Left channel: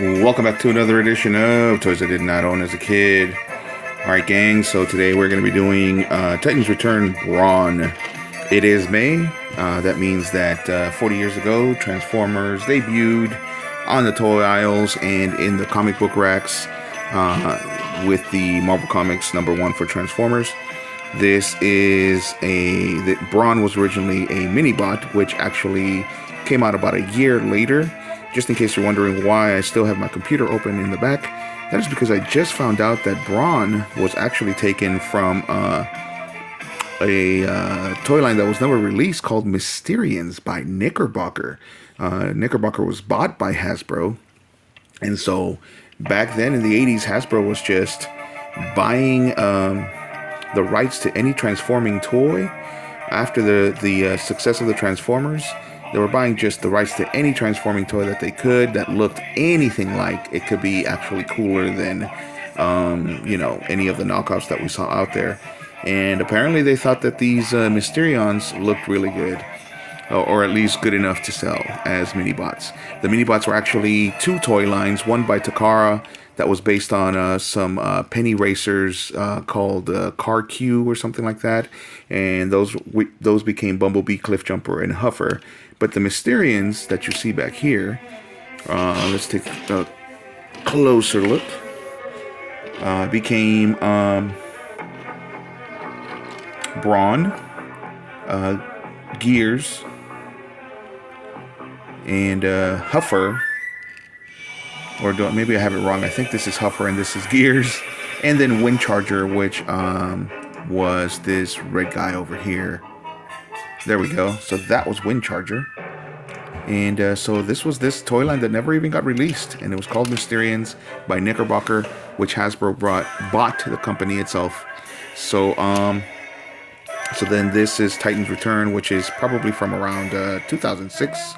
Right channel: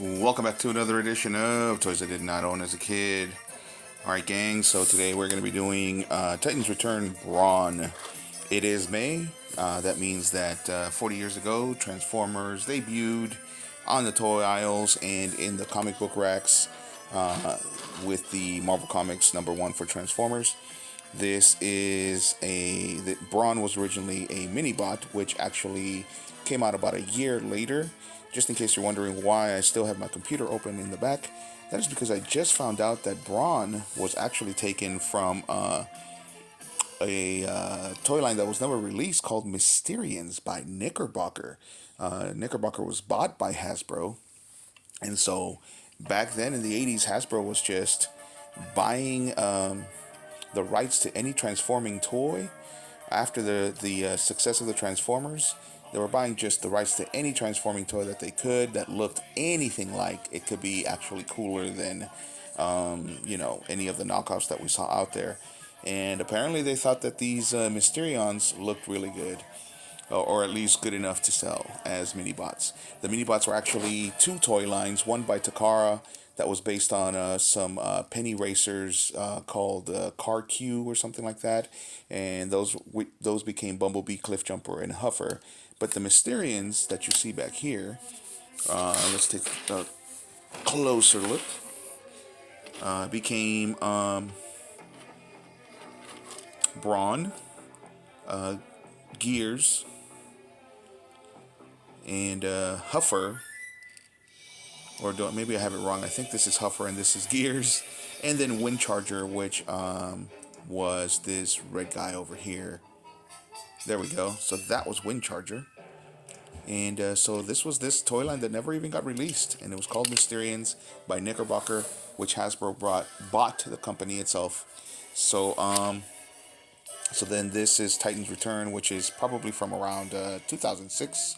Welcome back to another edition of Toys I Did Not Own as a Kid. Alright, gang, so today we're going to be doing Titans Return Brawn. It is May. That means that 40 years ago, Transformers debuted on the toy aisles and in the comic book racks with the Marvel Comics #1 for Transformers. This is Brawn was originally a mini-bot, which actually came out about a year later. Just in case you're wondering why I still have my computer open in the back, that is because I just found out that Brawn was actually taken from a toy line that was never released called Mysterians by Knickerbocker. Knickerbocker was bought by Hasbro, and so back then in the 80s, Hasbro was just buying the rights to any transforming toy. After the success of the Transformers, they were buying just the rights to any transforming toy that they could that looked anything like it could be actually cooler than, any of the knockoffs that we saw out there. And apparently they thought that these Mysterions looked really good, or at least good enough to sell as mini-bots. The mini-bots were actually two toy lines, one by Takara that was based on some penny racers called Car Q or something like that, and those became Bumblebee, Cliffjumper, and Huffer. But the Mysterians that you see back here, let's take a closer look, became Brawn, Gears, and Huffer. Or maybe I have it wrong. I think this is Huffer and this is Gears. And then Windcharger, which was this red guy over here. There we go. So that was Windcharger. And so this was this toy line that never even got released. And it was called Mysterians by Knickerbocker, which Hasbro bought the company itself. So then this is Titans Return, which is probably from around 2006,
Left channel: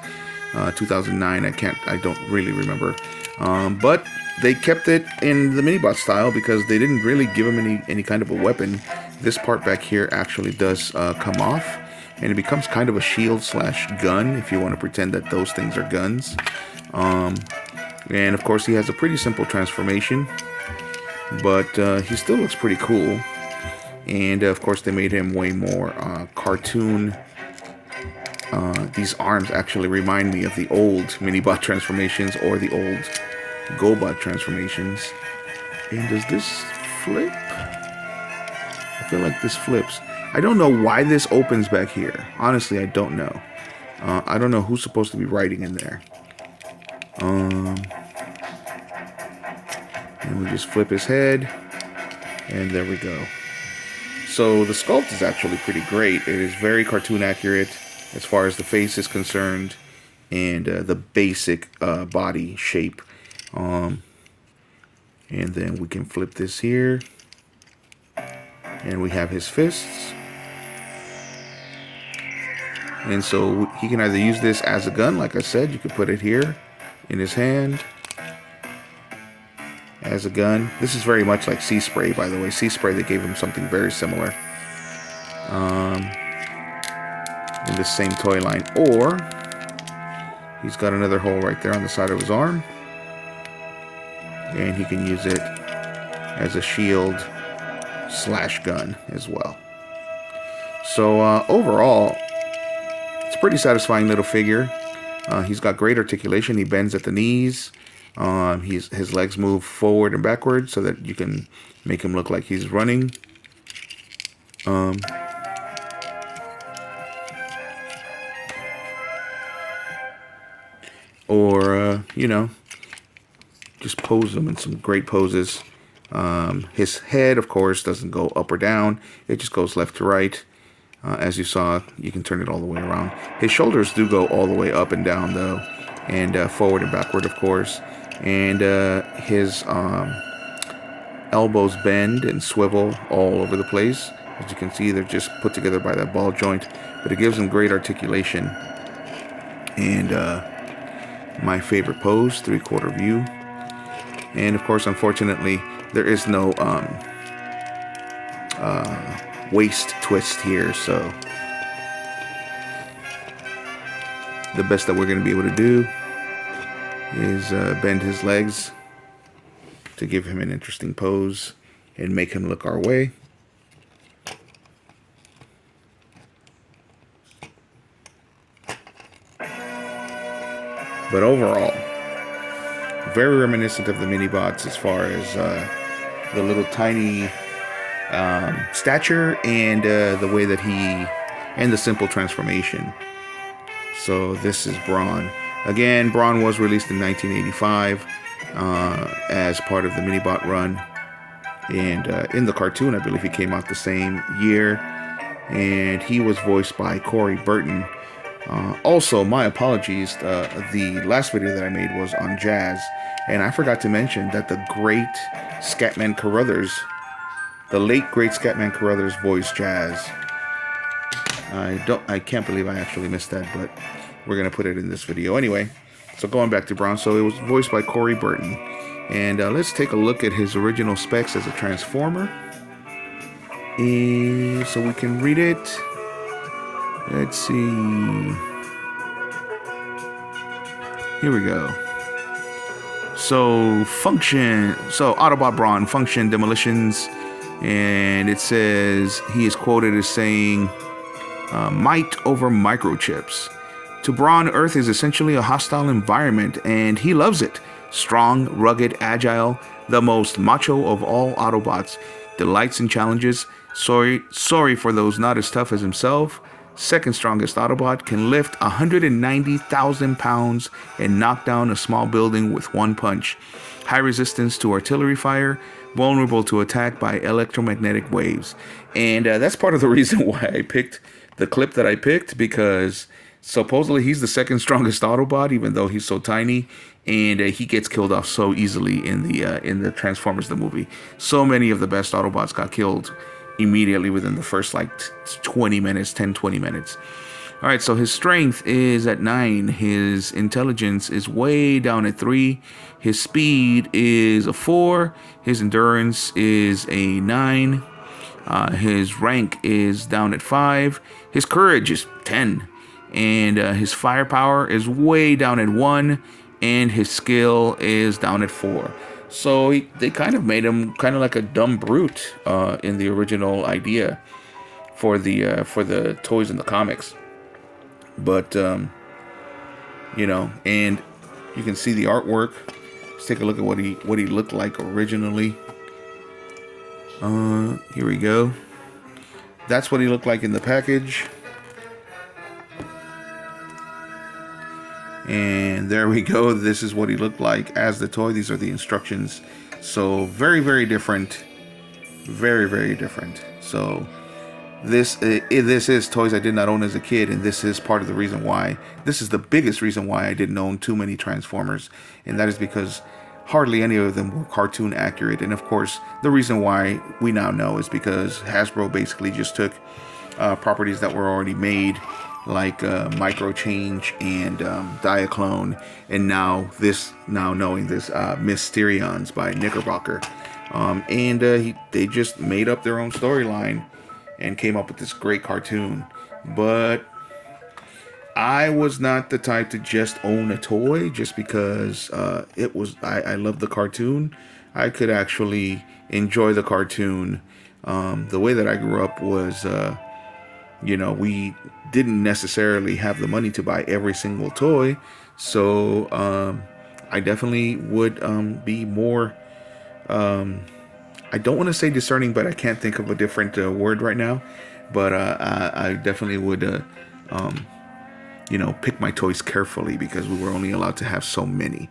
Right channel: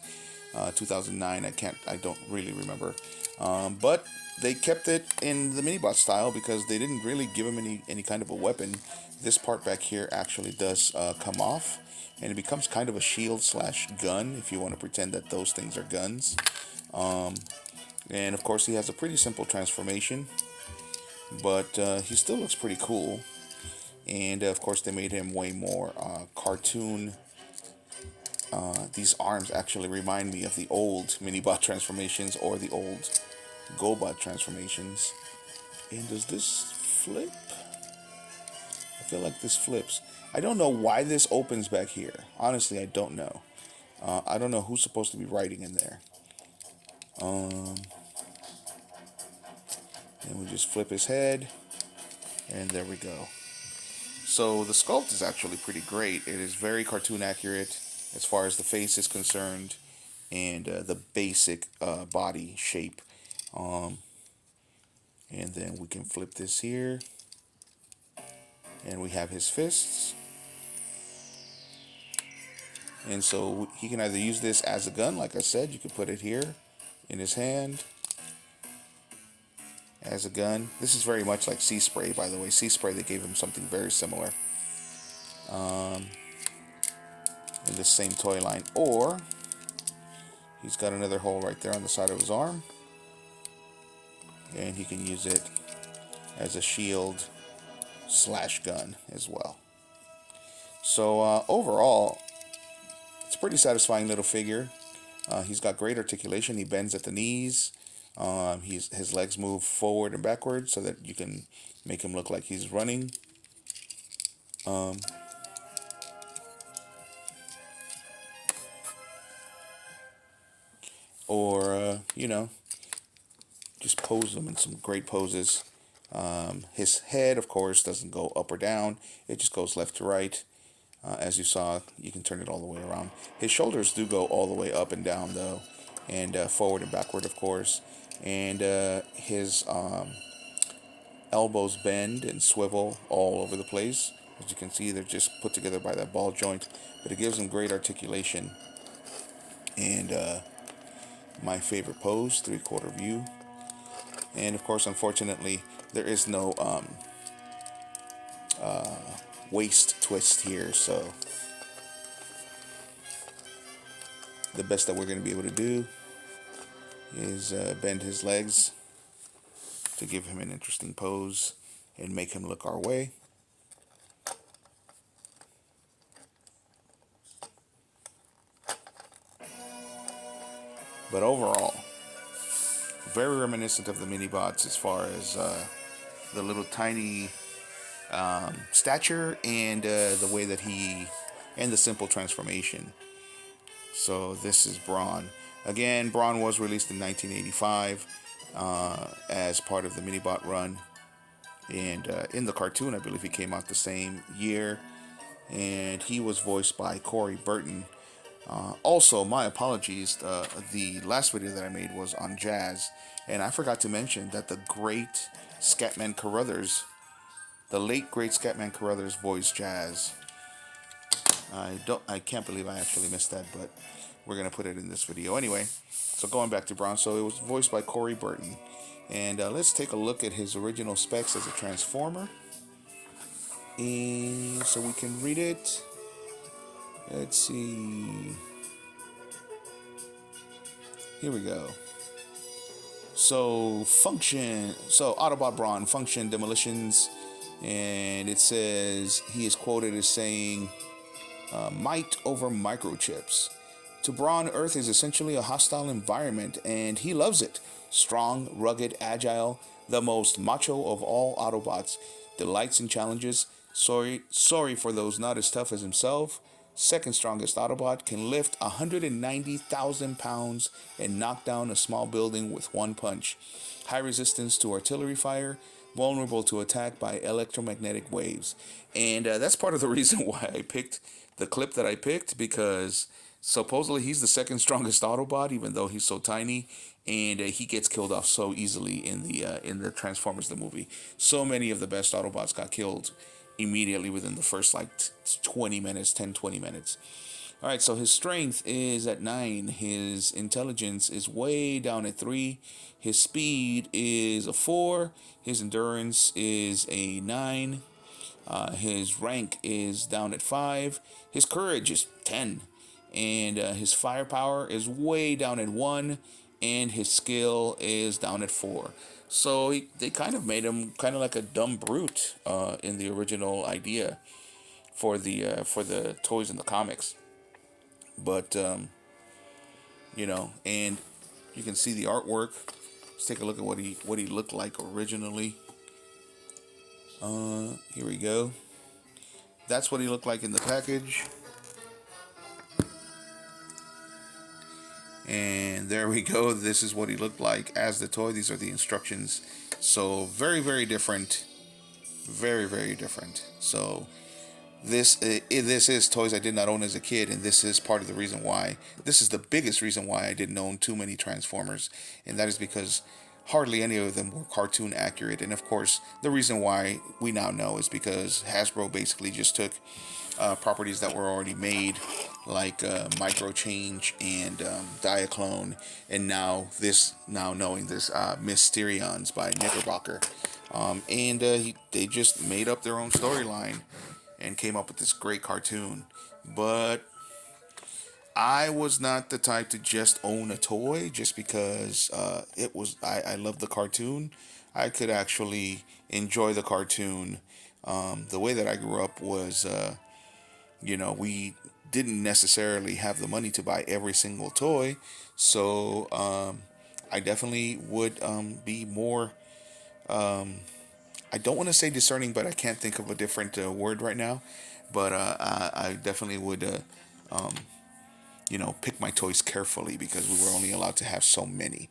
2009. I don't really remember. But they kept it in the minibot style because they didn't really give him any kind of a weapon. This part back here actually does come off, and it becomes kind of a shield / gun if you want to pretend that those things are guns. And of course he has a pretty simple transformation, but he still looks pretty cool. And of course they made him way more cartoon. These arms actually remind me of the old minibot transformations or the old GoBot transformations. And does this flip? I feel like this flips. I don't know why this opens back here. Honestly, I don't know. I don't know who's supposed to be writing in there. And we just flip his head, and there we go. So the sculpt is actually pretty great. It is very cartoon accurate as far as the face is concerned, and the basic body shape. And then we can flip this here, and we have his fists. And so he can either use this as a gun, like I said, you could put it here in his hand as a gun. This is very much like Sea Spray, by the way. Sea Spray, they gave him something very similar in the same toy line. Or he's got another hole right there on the side of his arm, and he can use it as a shield / gun as well. So overall, it's a pretty satisfying little figure. He's got great articulation. He bends at the knees. His legs move forward and backwards so that you can make him look like he's running. Or just pose him in some great poses. His head, of course, doesn't go up or down. It just goes left to right. As you saw, you can turn it all the way around. His shoulders do go all the way up and down, though, and forward and backward, of course. And his elbows bend and swivel all over the place. As you can see, they're just put together by that ball joint, but it gives him great articulation. And my favorite pose, 3/4 view. And of course, unfortunately, there is no waist twist here. So the best that we're going to be able to do is bend his legs to give him an interesting pose and make him look our way. But overall, very reminiscent of the mini-bots as far as the little tiny stature and the way that and the simple transformation. So this is Brawn. Again, Brawn was released in 1985 as part of the mini-bot run. And in the cartoon, I believe he came out the same year. And he was voiced by Corey Burton. Also, my apologies, the last video that I made was on Jazz, and I forgot to mention that the great Scatman Carruthers, the late great Scatman Carruthers voiced Jazz. I can't believe I actually missed that, but we're going to put it in this video anyway. So going back to Brawn, so it was voiced by Corey Burton. And let's take a look at his original specs as a Transformer. And so we can read it. Let's see. Here we go. So Autobot Brawn, function, demolitions, and it says he is quoted as saying, might over microchips. To Brawn, Earth is essentially a hostile environment, and he loves it. Strong, rugged, agile, the most macho of all Autobots, delights in challenges, sorry for those not as tough as himself. Second strongest Autobot, can lift 190,000 pounds and knock down a small building with one punch. High resistance to artillery fire, vulnerable to attack by electromagnetic waves. And that's part of the reason why I picked the clip that I picked, because supposedly he's the second strongest Autobot, even though he's so tiny, and he gets killed off so easily in the Transformers the movie. So many of the best Autobots got killed immediately within the first 20 minutes. All right, so his strength is at 9, his intelligence is way down at 3, his speed is a 4, his endurance is a 9, his rank is down at 5, his courage is 10, and his firepower is way down at 1, and his skill is down at 4. So they kind of made him kind of like a dumb brute in the original idea for the toys in the comics. But you know, and you can see the artwork. Let's take a look at what he looked like originally. Here we go. That's what he looked like in the package. And there we go. This is what he looked like as the toy. These are the instructions. So very, very different. Very, very different. So this is toys I did not own as a kid, and this is part of the reason why. This is the biggest reason why I didn't own too many Transformers, and that is because hardly any of them were cartoon accurate. And of course, the reason why we now know is because Hasbro basically just took properties that were already made, like Micro Change and Diaclone, and now knowing this Mysterions by Knickerbocker, and they just made up their own storyline and came up with this great cartoon. But I was not the type to just own a toy just because I loved the cartoon. I could actually enjoy the cartoon. The way that I grew up was we didn't necessarily have the money to buy every single toy, so I definitely would be more, I don't want to say discerning, but I can't think of a different word right now, but I definitely would pick my toys carefully, because we were only allowed to have so many.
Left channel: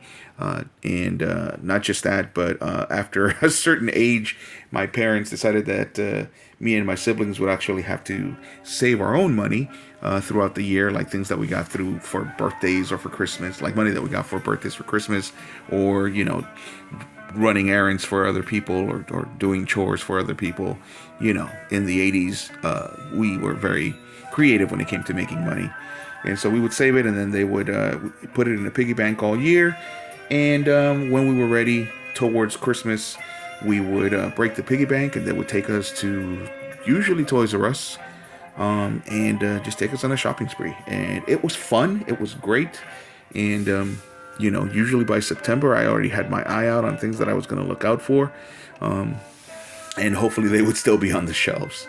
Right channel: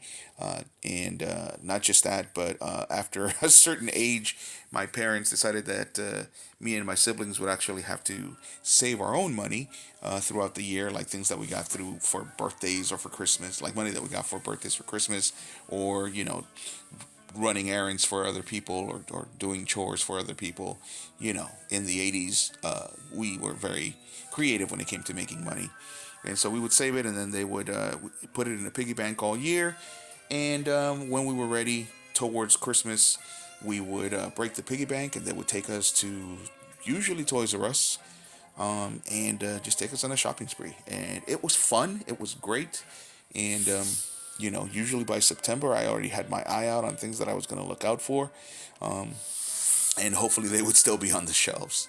And not just that, but after a certain age, my parents decided that me and my siblings would actually have to save our own money throughout the year, like things that we got through for birthdays or for Christmas, like money that we got for birthdays, for Christmas, or, running errands for other people, or doing chores for other people. In the 80s, we were very creative when it came to making money. And so we would save it, and then they would put it in a piggy bank all year. And when we were ready towards Christmas, we would break the piggy bank, and they would take us to usually Toys R Us, and just take us on a shopping spree. And it was fun. It was great. And usually by September, I already had my eye out on things that I was going to look out for, and hopefully they would still be on the shelves.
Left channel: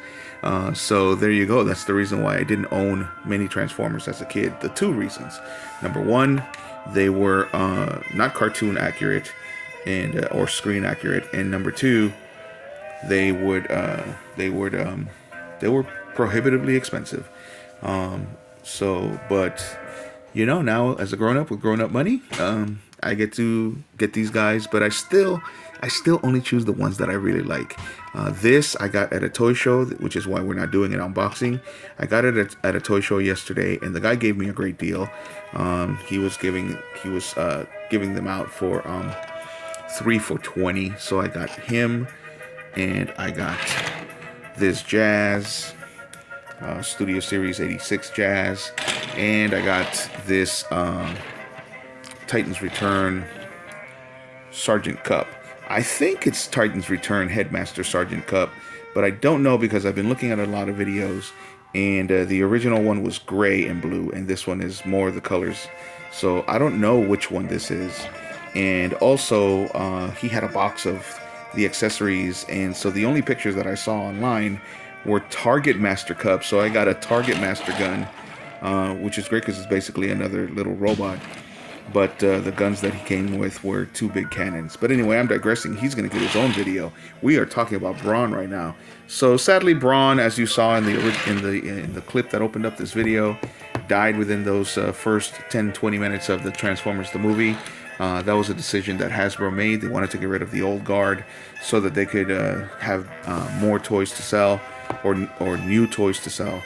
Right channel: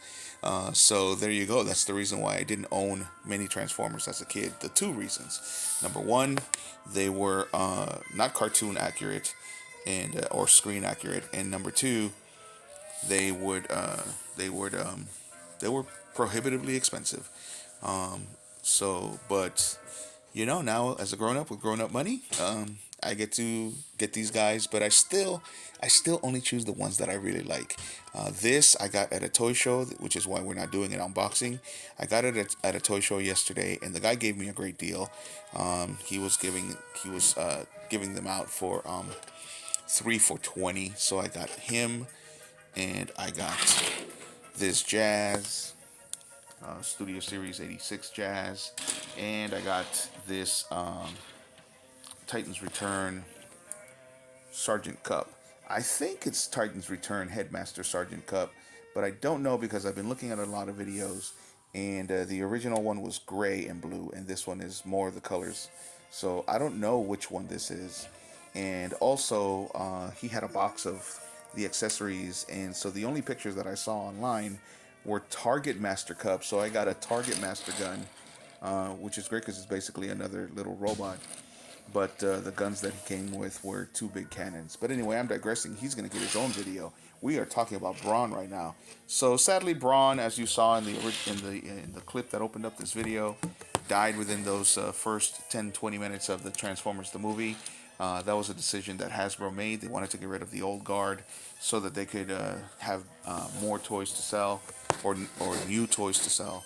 So there you go. That's the reason why I didn't own many Transformers as a kid. The two reasons: number one, they were not cartoon accurate and or screen accurate, and number two, they were prohibitively expensive. But now as a grown up with grown up money, I get to get these guys, but I still only choose the ones that I really like. This I got at a toy show, which is why we're not doing an unboxing. I got it at a toy show yesterday, and the guy gave me a great deal. He was giving them out for 3 for $20. So I got him, and I got this Jazz Studio Series 86 Jazz, and I got this Titans Return Sergeant Cup. I think it's Titans Return Headmaster Sergeant Cup, but I don't know because I've been looking at a lot of videos, and the original one was gray and blue, and this one is more the colors. So I don't know which one this is. And also, he had a box of the accessories, and so the only pictures that I saw online were Target Master Cups. So I got a Target Master gun, which is great because it's basically another little robot. But the guns that he came with were 2 big cannons. But anyway, I'm digressing. He's going to get his own video. We are talking about Brawn right now. So sadly, Brawn, as you saw in the clip that opened up this video, died within those first 10-20 minutes of the Transformers the movie. That was a decision that Hasbro made. They wanted to get rid of the old guard so that they could have more toys to sell or new toys to sell.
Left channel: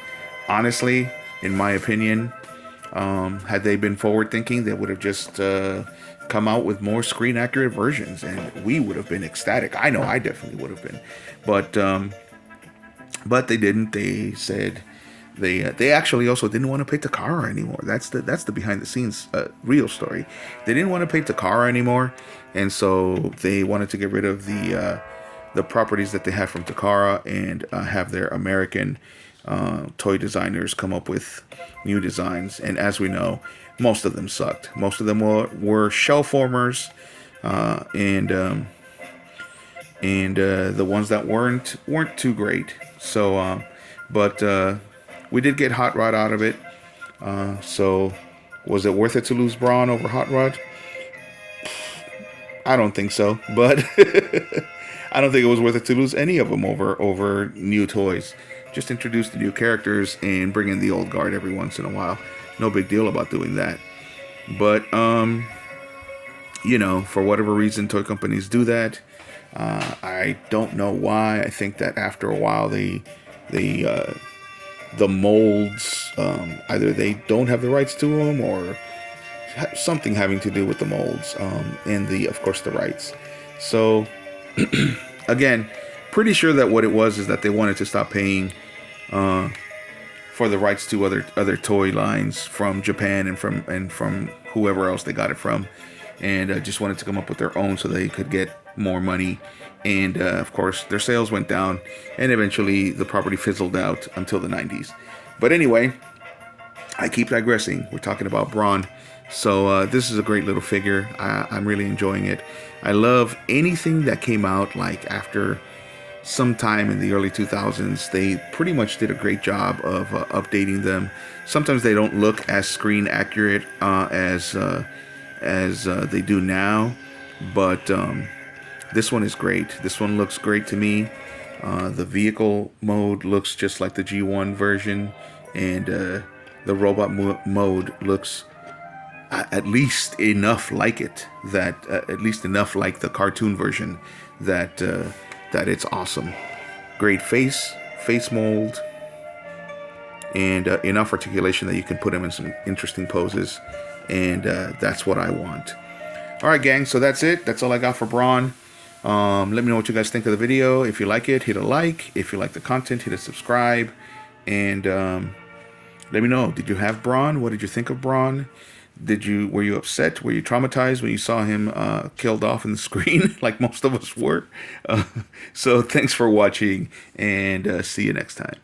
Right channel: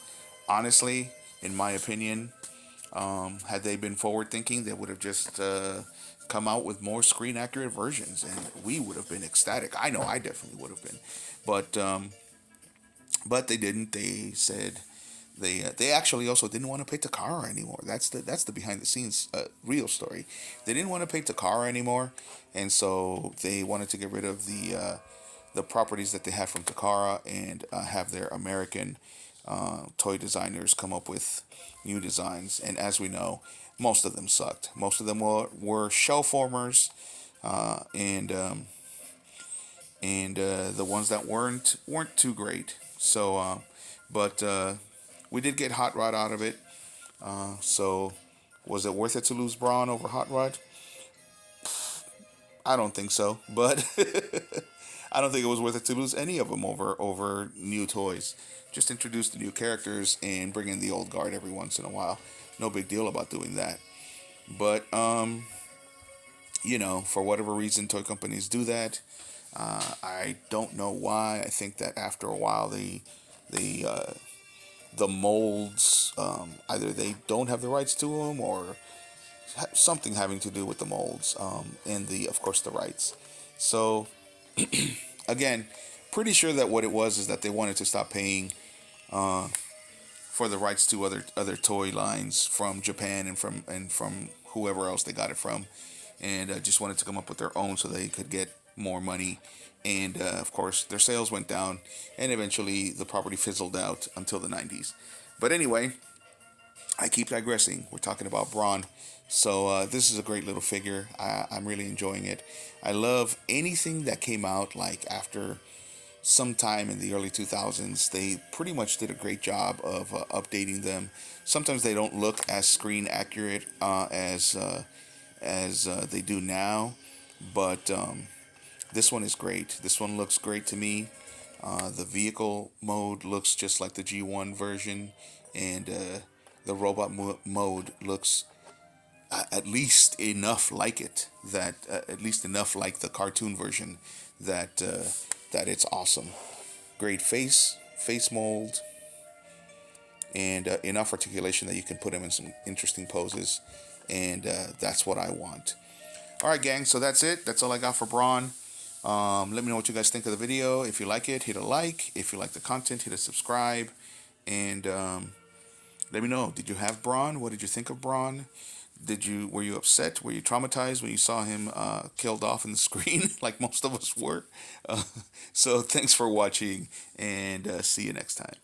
Honestly, in my opinion, had they been forward thinking, they would have just come out with more screen accurate versions, and we would have been ecstatic. I know I definitely would have been, but they didn't. They said they actually also didn't want to paint Takara anymore. That's the behind the scenes real story. They didn't want to paint Takara anymore, and so they wanted to get rid of the properties that they had from Takara and have their American toy designers come up with new designs. And as we know, most of them sucked. Most of them were shell formers, and the ones that weren't too great. So, but we did get Hot Rod out of it. So, was it worth it to lose Brawn over Hot Rod? I don't think so, but I don't think it was worth it to lose any of them over new toys. Just introduce the new characters and bring in the old guard every once in a while. No big deal about doing that. But for whatever reason, toy companies do that. I don't know why. I think that after a while, the molds, either they don't have the rights to them or something having to do with the molds, and of course the rights. So again, pretty sure that what it was is that they wanted to stop paying for the rights to other toy lines from Japan and from whoever else they got it from, and just wanted to come up with their own so they could get more money. And of course their sales went down, and eventually the property fizzled out until the 90s. But anyway, I keep digressing. We're talking about Brawn. So this is a great little figure. I'm really enjoying it. I love anything that came out like after sometime in the early 2000s. They pretty much did a great job of updating them. Sometimes they don't look as screen accurate as they do now, but this one is great. This one looks great to me. The vehicle mode looks just like the G1 version, and the robot mode looks at least enough like it, that at least enough like the cartoon version, that it's awesome. Great face mold, and enough articulation that you can put him in some interesting poses, and that's what I want. All right, gang, so that's it. That's all I got for Brawn. Let me know what you guys think of the video. If you like it, hit a like. If you like the content, hit a subscribe, and let me know, did you have Brawn? What did you think of Brawn? Were you upset? Were you traumatized when you saw him killed off in the screen, like most of us were? So thanks for watching, and see you next time.